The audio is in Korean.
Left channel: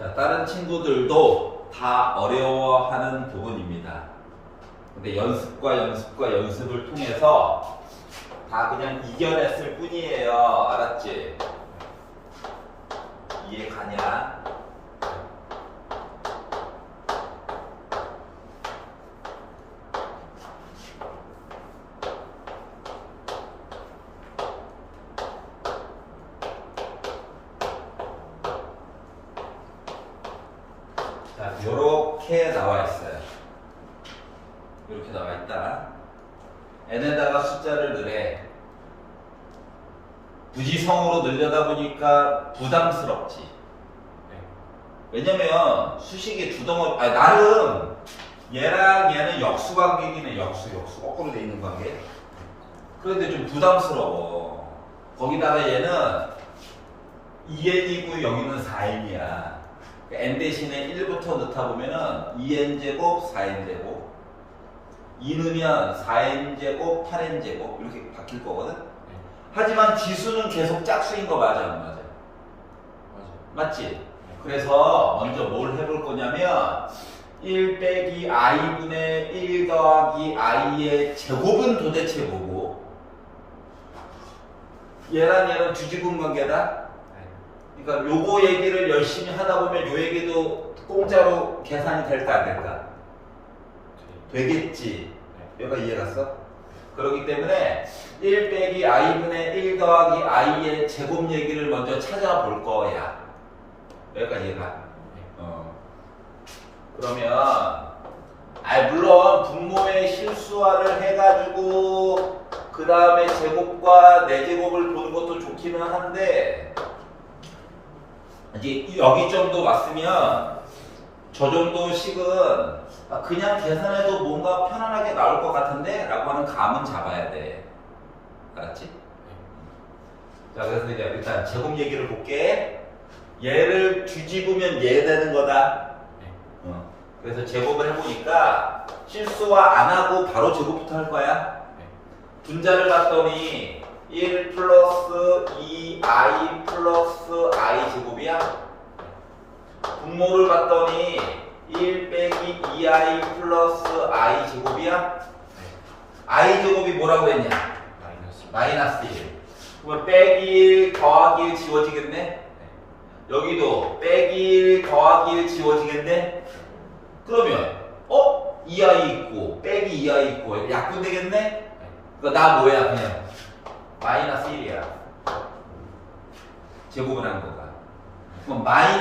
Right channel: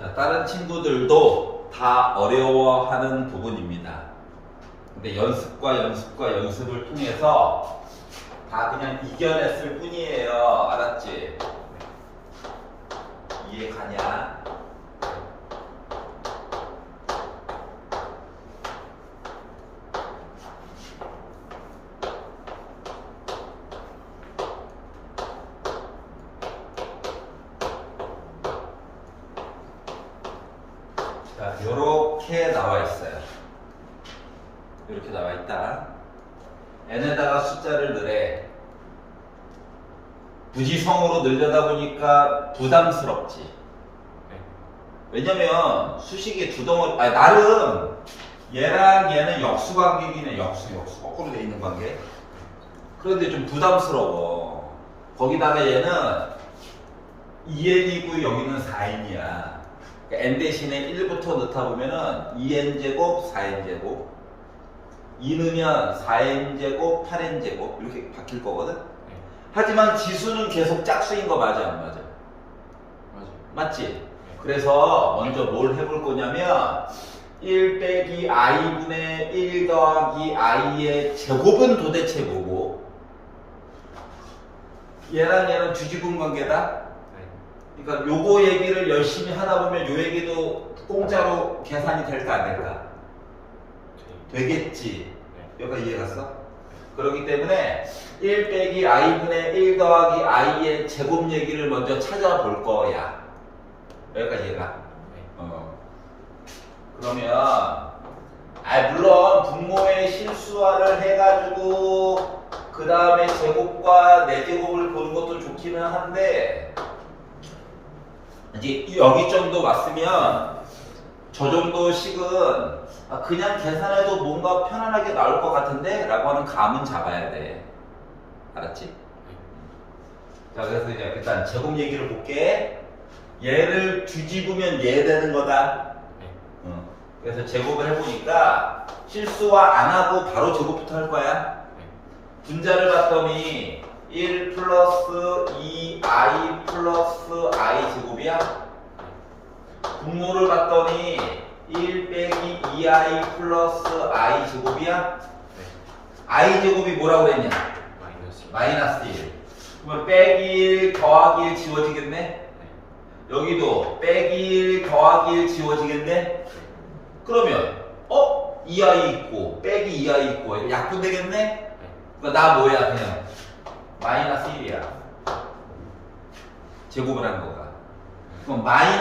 자, 다른 친구들도 다 어려워하는 부분입니다. 근데 연습과 연습과 연습을 통해서 다 그냥 이겨냈을 뿐이에요. 알았지? 이해 가냐? 자, 요렇게 나와 있어요. 이렇게 나와 있다. n에다가 숫자를 넣으래. 부지성으로 늘려다 보니까 부담스럽지. 네. 왜냐면 수식이 두 덩어리, 아니 나름 얘랑 얘는 역수 관계이긴 해. 역수, 역수. 거꾸로 돼 있는 관계. 그런데 좀 부담스러워. 거기다가 얘는 2n이고 여기는 4n이야. N 대신에 1부터 넣다 보면은 2n제곱, 4n제곱. 2 넣으면 4n제곱, 8n제곱. 이렇게 바뀔 거거든? 네. 하지만 지수는 계속 짝수인 거 맞아, 안 맞아? 맞아요. 맞지? 그래서 먼저 뭘 해볼 거냐면 1 빼기 i분의 1 더하기 i의 제곱은 도대체 뭐고 얘랑 얘랑 뒤집은 관계다? 네. 그러니까 요거 얘기를 열심히 하다 보면 요 얘기도 공짜로 계산이 될까 안 될까? 네. 되겠지. 네. 여기가 이해 갔어? 그렇기 때문에 1 빼기 i분의 1 더하기 i의 제곱 얘기를 먼저 찾아볼 거야. 여기가 이해가? 네. 어. 그러면 아 물론 분모의 실수화를 해가지고 그 다음에 제곱과 내제곱을 보는 것도 좋기는 한데 이제 여기 정도 왔으면 저 정도 식은 아, 그냥 계산해도 뭔가 편안하게 나올 것 같은데 라고 하는 감은 잡아야 돼 알았지? 자 그래서 이제 일단 제곱 얘기를 볼게 얘를 뒤집으면 얘 되는 거다 네. 어. 그래서 제곱을 해보니까 실수화 안 하고 바로 제곱부터 할 거야. 네. 분자를 봤더니 1 플러스 2i 플러스 i 제곱이야. 분모를 봤더니 1 빼기 2i 플러스 i 제곱이야. 네. i 제곱이 뭐라고 그랬냐? 마이너스. 마이너스 1. 그러면 빼기 1 더하기 1 지워지겠네? 네. 여기도 빼기 1 더하기 1 지워지겠네? 그러면 어? 2i 있고 빼기 2i 있고 약분 되겠네? 네. 그러니까 나 뭐야 그냥 마이너스 1이야. 제곱을 한 거가. 그럼 마이너스